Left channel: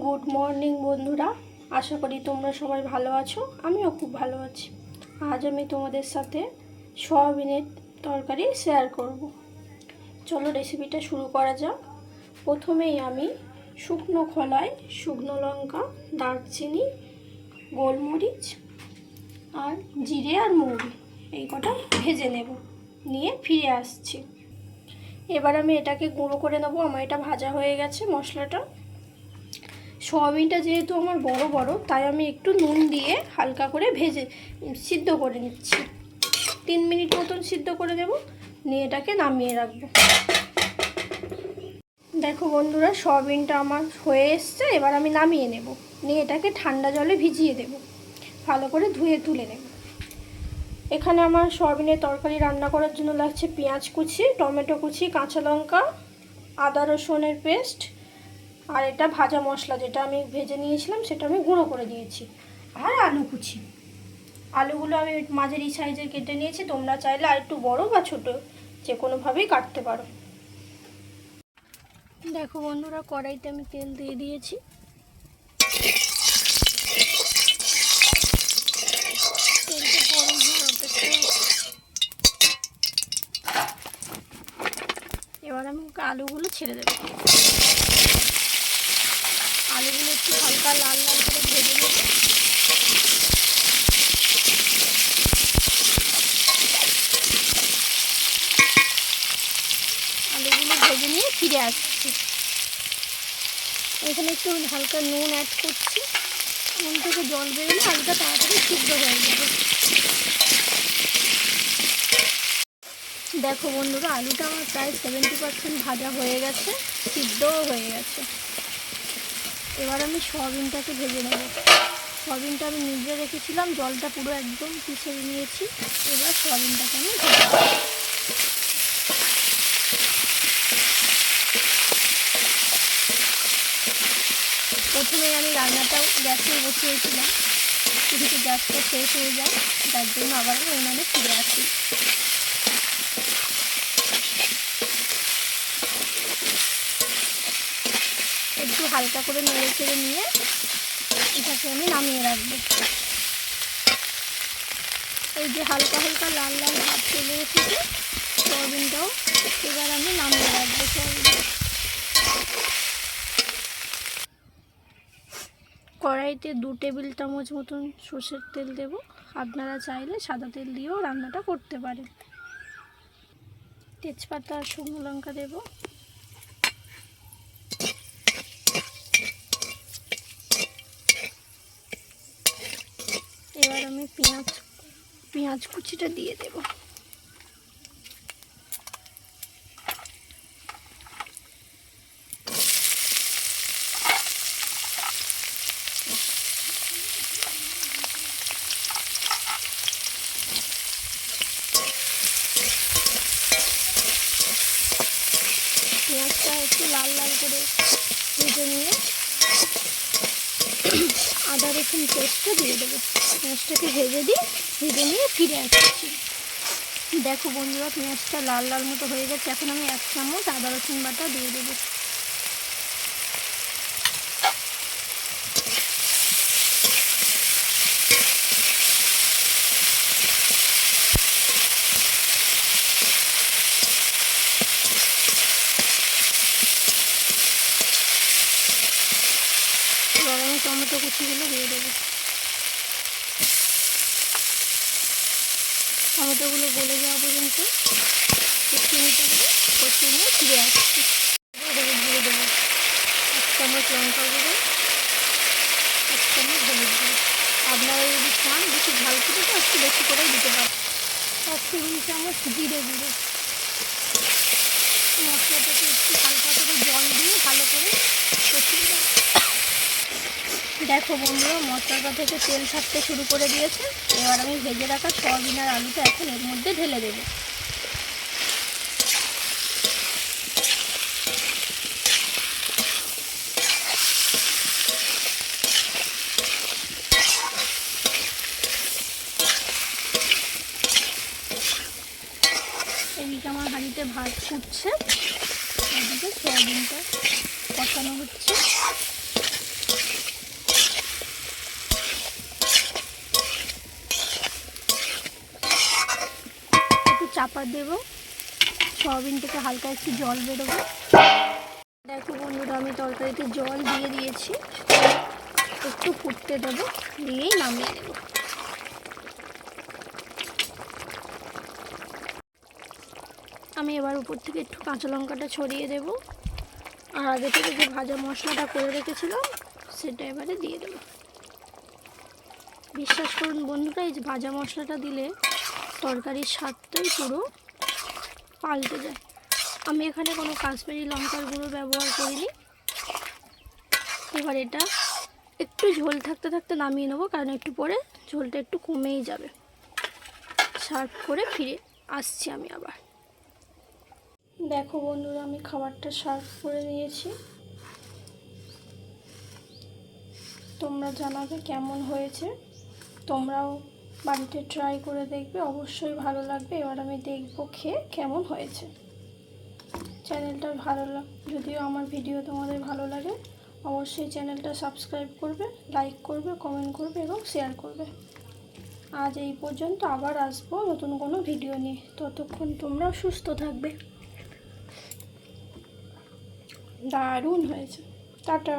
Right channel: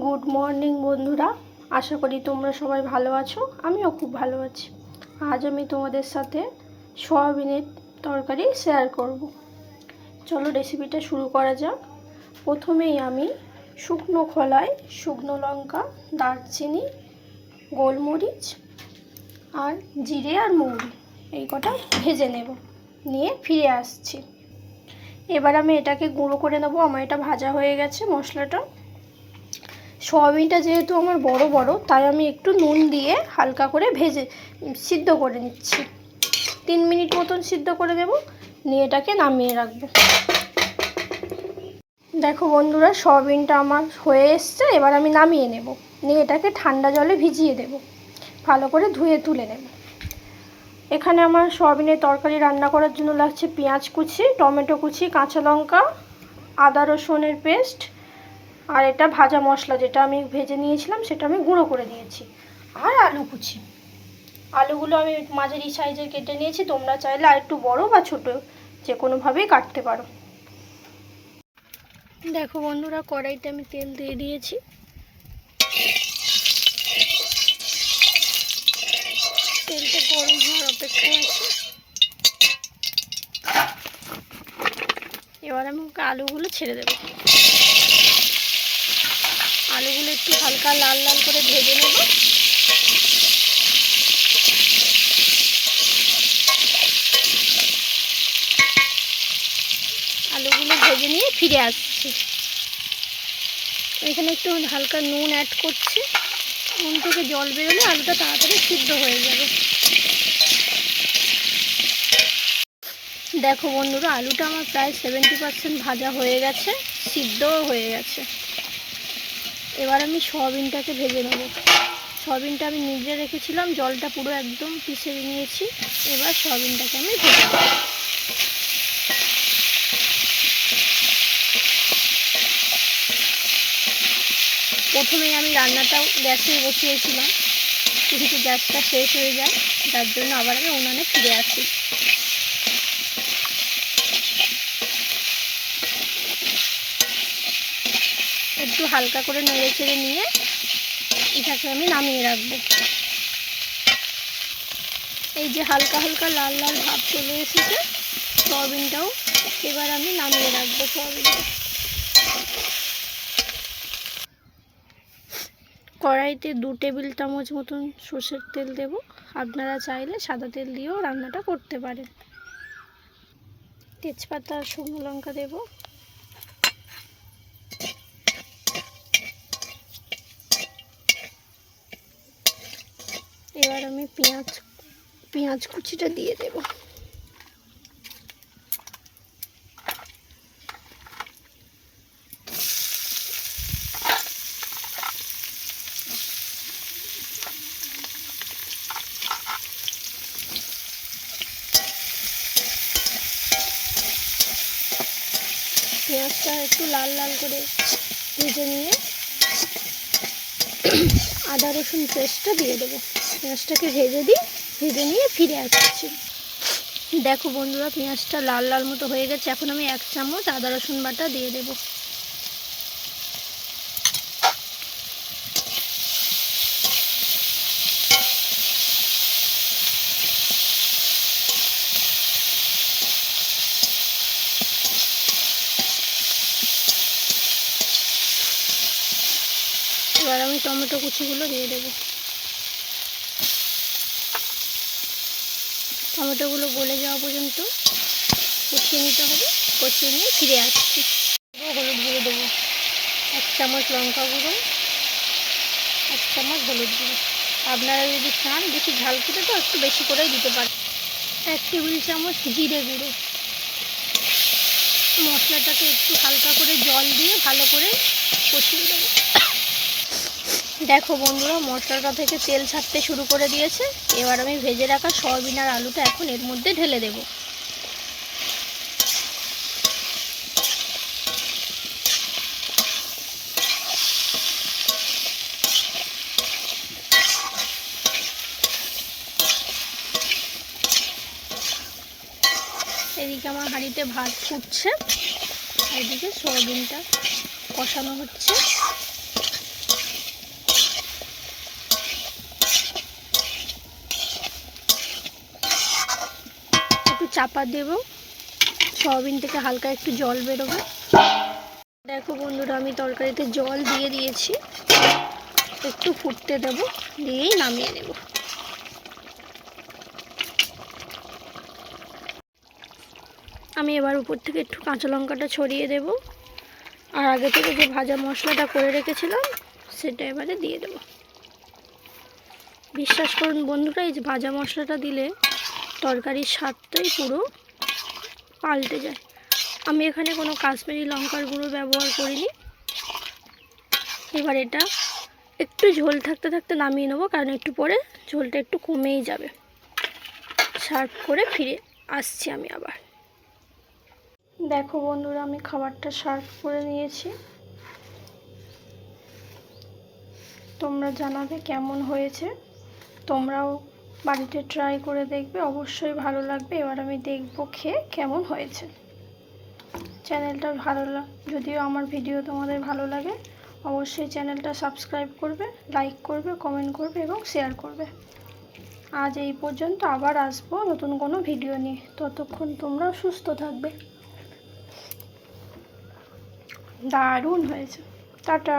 Good morning বন্ধুরা। আশা করি তোমরা সবাই ভালো আছো। আমিও খুব ভালো আছি। আজ আমি তোমাদের সাথে সয়াবিনের তরকারি শেয়ার করব। চলো রেসিপিটা শুরু করা যাক। প্রথমেই আমি শুকনো খোলায় শুকনো লঙ্কা, দারচিনি, গোলমরিচ আর জিরে আর মৌরি এই কটা ভেজে নেব। নিয়ে ফিরে আসছি। এবার আমি এটাকে গুঁড়ো করে নেব। আমার এটা ভাজা হয়ে গেছে মশলাটা। সয়াবিনটা যেহেতু আমার বড় বড়, তাই আমি একটু নুন দিয়ে হালকা করে ভেজে সিদ্ধ করে নিচ্ছি। তিন মিনিট মতন সিদ্ধ করে দেব, নিয়ে এটাকে নামিয়ে রাখব। দেখো বন্ধুরা, সোয়াবিনটা আমার হয়ে এসছে, এবার আমি নামিয়ে নেব। নিয়ে এটাকে ঠান্ডা জলে ভিজিয়ে দেব। ভালো করে ধুয়ে তুলে নেব। এখানে আমার সোয়াবিনের তরকারি রান্না করার জন্য লাগছে পেঁয়াজ কুচি, টমেটো কুচি, কাঁচা লঙ্কা, আদা রসুনের পেস্ট আর এটা ভাজা মশলা যেটা আমি ভেজে নিয়েছিলাম সেটা আমি গুঁড়ো করে দিয়েছি। আর আলু কুচি। আলুগুলো আমি মাঝারি সাইজের কেটে নিয়েছি তোমরা চাইলে আর একটু বড় বা ছোট যে কোনোভাবেই কাটতে পারো। দেখো বন্ধুরা কড়াইতে আমি তেল দিয়ে দিয়েছি। তেলটা গরম হওয়ার অপেক্ষায় এবার আমি আলুগুলো ছেড়ে দেবো। আলুগুলো একটু হালকা লাল লাল করে ভেজে নেব। আলুগুলো ভেজে নিয়ে ফিরে আসছি। এখানে একটু হালকা নুন অ্যাড করছি। নুন থেকে জল বেরোলে আলুটা তাড়াতাড়ি সিদ্ধ হয়ে যাবে। দেখো বন্ধুরা, আলুটা আমার প্রায় সেভেন্টি পার্সেন্ট ভাজা হয়ে গেছে, সিদ্ধও হয়ে গেছে। এবার আমি সয়াবিনটাকে ভেজে নেব। সয়াবিনটা আমি নিজে রেখেছিলাম, জলটা পুরো একদম পিষে নিয়েছি। এবার সয়াবিনটাকে আমি ভেজে প্রথমে আমি রান্নাটাও গ্যাসে বসিয়েছিলাম, কিন্তু গ্যাসটা শেষ হয়ে যায় যার জন্য আবার আমি উনানে ফিরে আসি। একটু হালকা করে নেড়ে চেড়ে নিয়ে এটাকে আমি নামিয়ে রাখব। এই যে হালকা হালকা লাল লাল ভাব চলে এসেছে, সয়াবিনটাও এবার আমি নামিয়ে রাখব সয়াবিনটা। কড়াইতে দু টেবিল চামচ মতন সর্ষের তেল দেব। আপনারা চাইলে সাদা তেল দিয়েও রান্নাটা করতে পারেন। তেজপাতা শুকনো লঙ্কা দেবো। এবার আমি পেঁয়াজ পেঁয়াজ কুচিটা দিয়ে দেব। পেঁয়াজটা একটু লাল লাল করে ভেজে নিয়ে আদা রসুন পেস্টটা দিয়ে দেবো। পেঁয়াজটাকে ভেজে দিই ভেজে নিয়ে ফিরে আসছি। দেখো বন্ধুরা, পেঁয়াজটা লাল লাল মতো হয়ে গেছে। এখন আমি এক চামচ আদা রসুন বাটা দিয়ে দেবো এবার আমি টমেটো কুচিগুলো দিয়ে দেবো। টমেটোগুলো গলে যাওয়া পর্যন্ত কষিয়ে নিতে হবে কষিয়ে নিয়ে ফিরে আসছি। হলুদ গুঁড়ো দেবো, এক চামচ লঙ্কা গুঁড়ো, এক চামচ হলুদ গুঁড়ো। আপনারা যদি চান বেশি ঝাল খেতে তো একটু বেশি করেই দিতে পারেন। এক টেবিল চামচ জিরে গুঁড়ো। মশলাটাকে একটু হালকা করে জল দিয়ে ভালো করে কষিয়ে দেবো দেখো বন্ধুরা মশলাটা থেকে তেল ছাড়তে শুরু করে দিয়েছে। এবার আমি ভেজে রাখা সয়াবিন আর আলুটা এখন এর মধ্যে ঢেলে দেব। এদিকে আমার হাঁড়িতে ভাত ফুটছে, এদিকে সয়াবিনটা কষানো হচ্ছে। চাপা দেব। সয়াবিন থেকে হালকা একটু জল বেরোবে। দেখো বন্ধুরা, আমি তরকারিতে জল দিয়ে দিয়েছি। একটু ফুটতে দেব, দিয়েই নামিয়ে নেব। আমি এবার উপর থেকে একটু কাঁচা লঙ্কাটা ছড়িয়ে দেব। আর আগে থেকে যে ভাজা মশলাটা করে রেখেছিলাম, সেটা এবারে দিয়ে দেবো। বিশ্বাস করুন বন্ধুরা, এই যে ভাজা মশলাটা দিলে তরকারির স্বাদটাই পুরো পাল্টে যায়। আমি এখানে কোনো কাশ্মীরি লঙ্কার গুঁড়ো ব্যবহার করিনি। এবার এটা একটু ঝোল থাকতে থাকতে নামিয়ে নেব, কারণ একটু পরে ঝোলটা একটু কমেই যাবে। সার্ভ করে ফিরে আসছি আমি আবার। দেখো বন্ধুরা, আমি খাবারটা সার্ভ করে নিয়েছি। তোমরা জানাবে কেমন হয়েছে। তোমরাও বাড়িতে ট্রাই করে দেখবে, অবশ্যই ভালো লাগবে। এবার আমি দেখব খেয়ে কেমন হয়েছে। চ্যানেলটা ভালো যদিও আমার ভিডিও তোমাদের ভালো লাগে, অবশ্যই চ্যানেলটা সাবস্ক্রাইব করবে লাইক করবে কমেন্ট করবে এবং শেয়ার করবে। আজ এই পর্যন্ত আবার আসব নতুন কোনো ভিডিও নিয়ে। ততক্ষণ তোমরা সুস্থ থাকবে। দারুণ হয়েছে। টাটা।